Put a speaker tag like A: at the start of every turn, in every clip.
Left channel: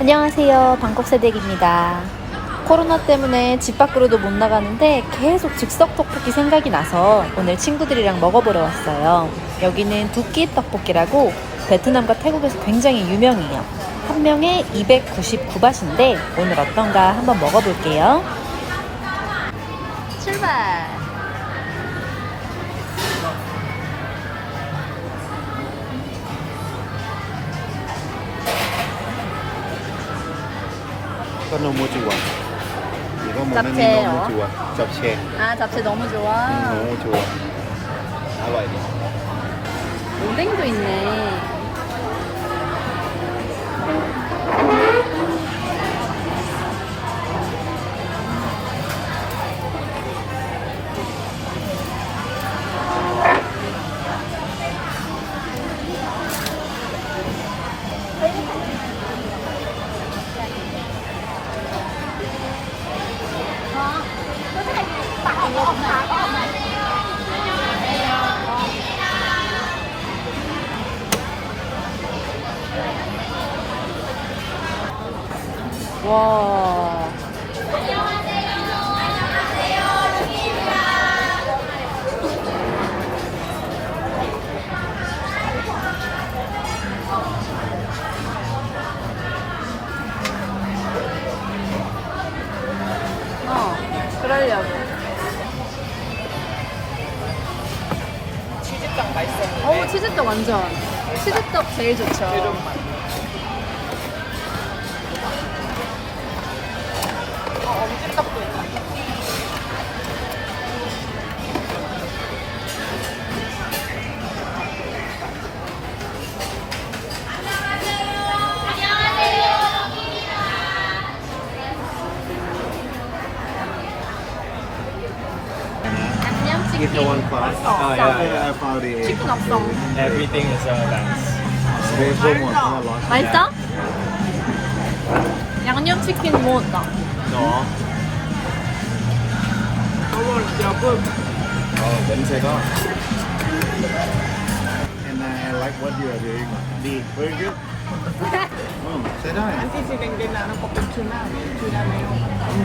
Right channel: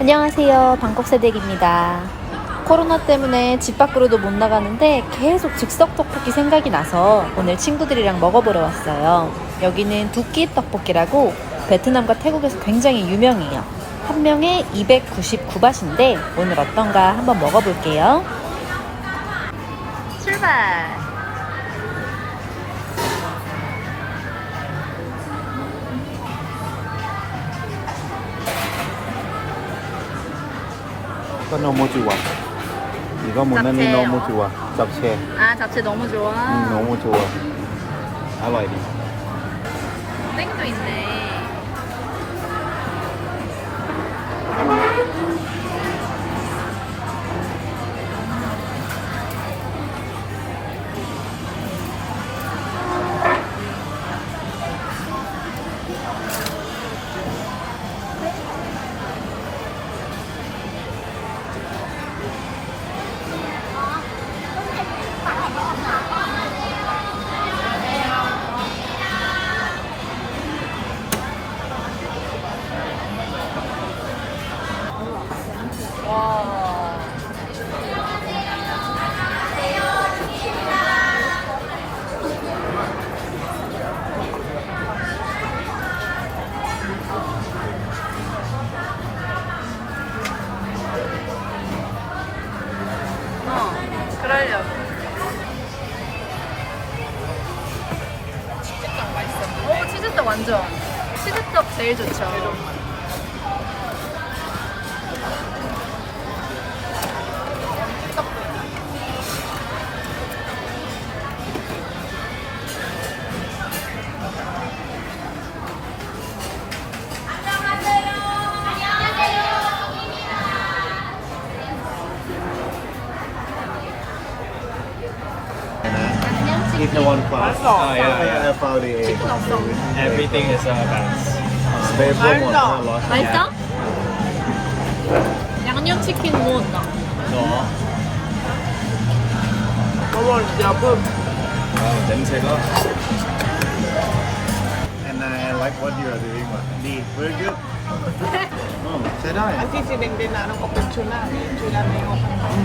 A: 안녕하세요. 방콕 새댁입니다. 코로나 때문에 집 밖으로도 못 나가는데 계속 즉석 떡볶이 생각이 나서 오늘 친구들이랑 먹어보러 왔어요. 여기는 두끼 떡볶이라고 베트남과 태국에서 굉장히 유명해요. 한 명에 299바트인데 오늘 어떤가 한번 먹어볼게요. 출발!
B: 이거 너무 좋아. 이거 문어는 이 너무 좋아. 잡채.
A: 아 잡채 너무 좋아.
B: 음, 너무 좋아. 알아야 돼.
A: 오뎅도 있네. 그러려고. 오, 치즈떡 완전. 치즈떡 제일 좋죠.
B: one class.
C: Oh, yeah, yeah.
B: FRDA.
C: Everything is
B: all that's. 스테이블 원 하나 넣어.
A: 맛있어? 양념치킨 먹었다.
C: 너. 어, 냄새가.
B: And I like what you are doing. Me. Very good. Oh, 응,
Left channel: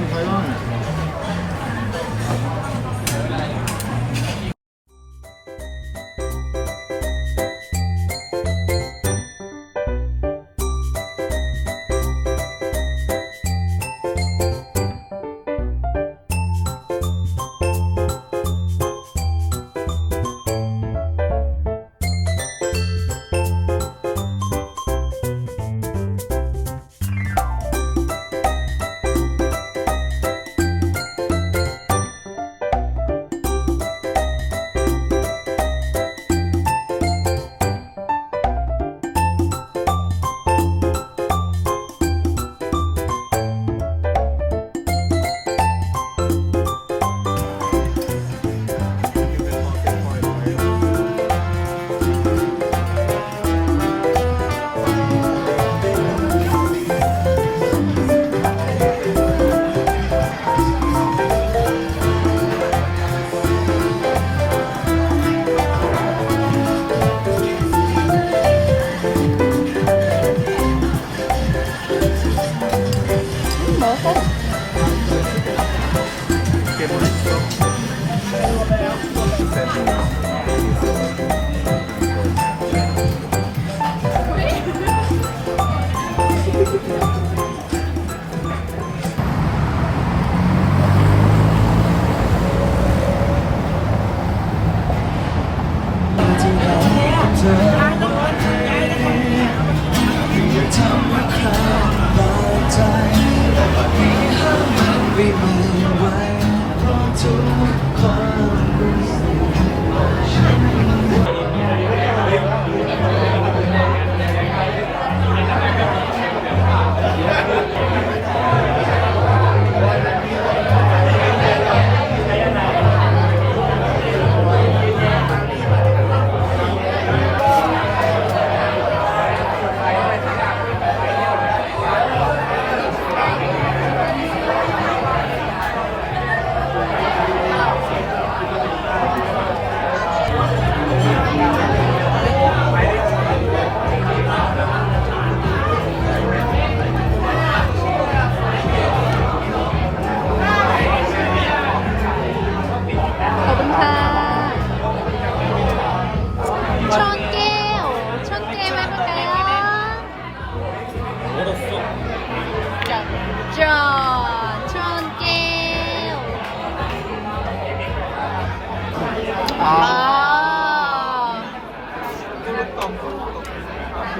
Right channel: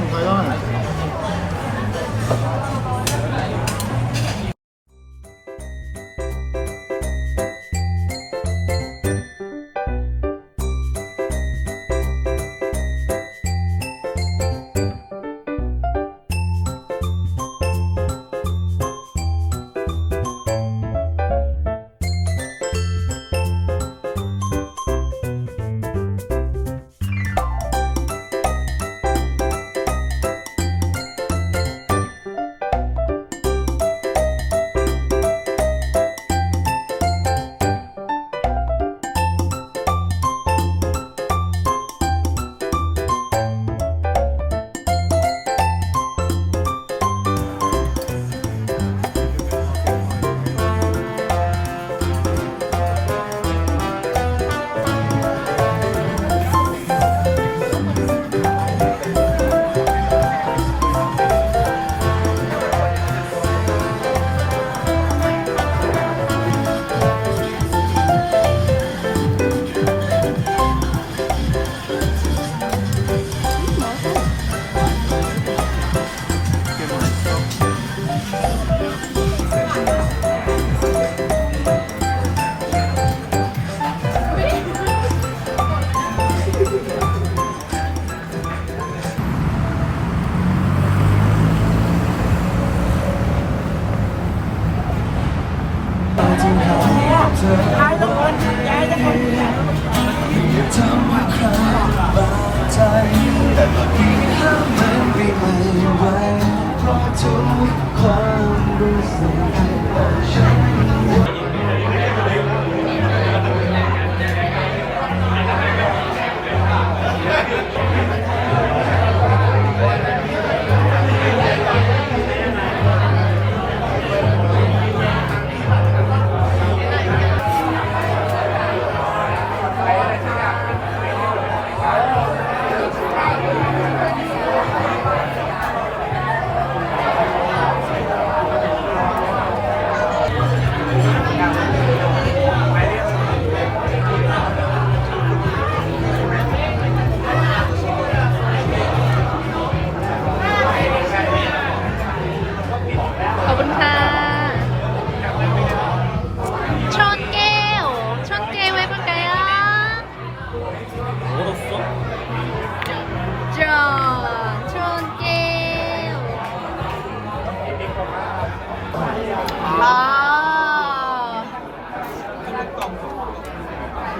B: แต่ตอนนี้ไม่ไหวไหวจนควา
A: มรู้สึก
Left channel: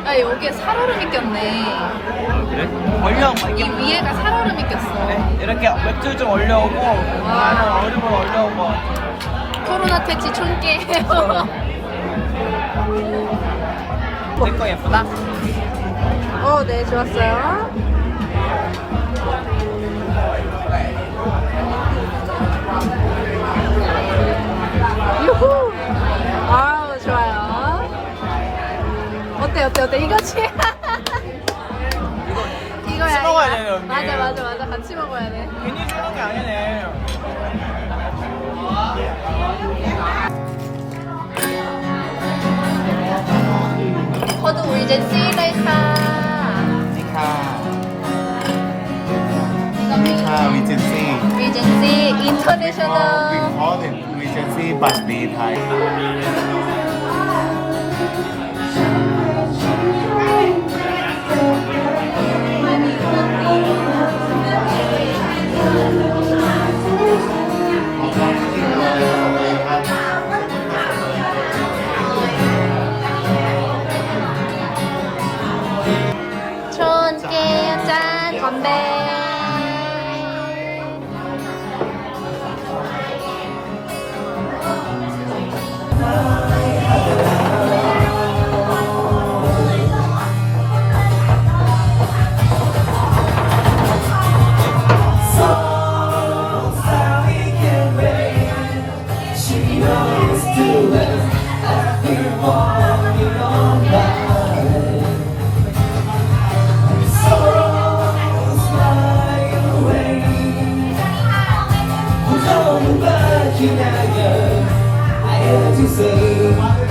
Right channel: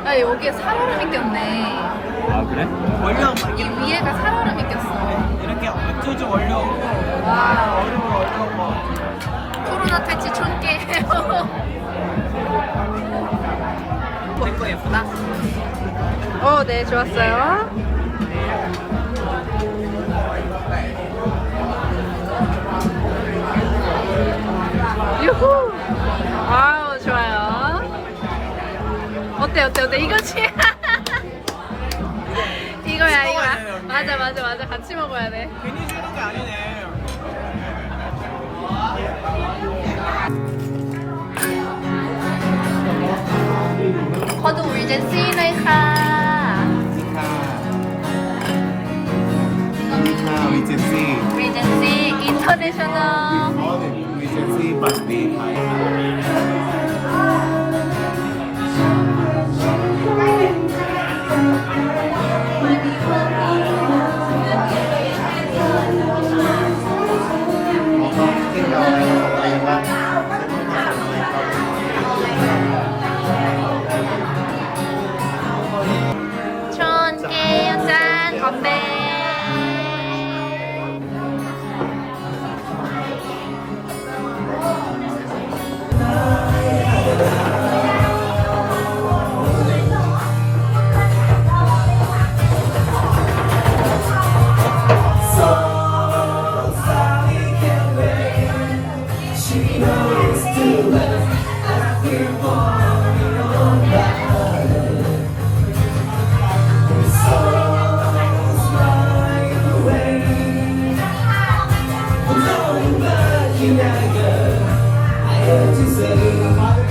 A: 야, 여기에 살얼음이 꼈네.
B: 아 그래?
A: 이 위에가 살얼음이 꼈어.
D: 이렇게 맥주 좀 올려오고
A: 와.
D: 거 올려오고
A: 코로나 퇴치 촌개예요.
D: 이거 예쁘다
A: 어, 네, 좋았어요. 유후! 좋아요. 어때, 어때, 어때? 이거지? 이거야,
D: 먹어야 돼요,
A: 이거.
D: 언니.
A: 맞아, 맞아, 맞아. 같이 먹어야 돼.
D: 괜히 주는 게 아니네
A: 코드 리젠시เลยค่ะ
B: นี่ค่ะนี่ค่ะ Regency
A: 리젠시
B: we
A: 인터내셔널.
B: call it Regency but we Thai
E: I hate to say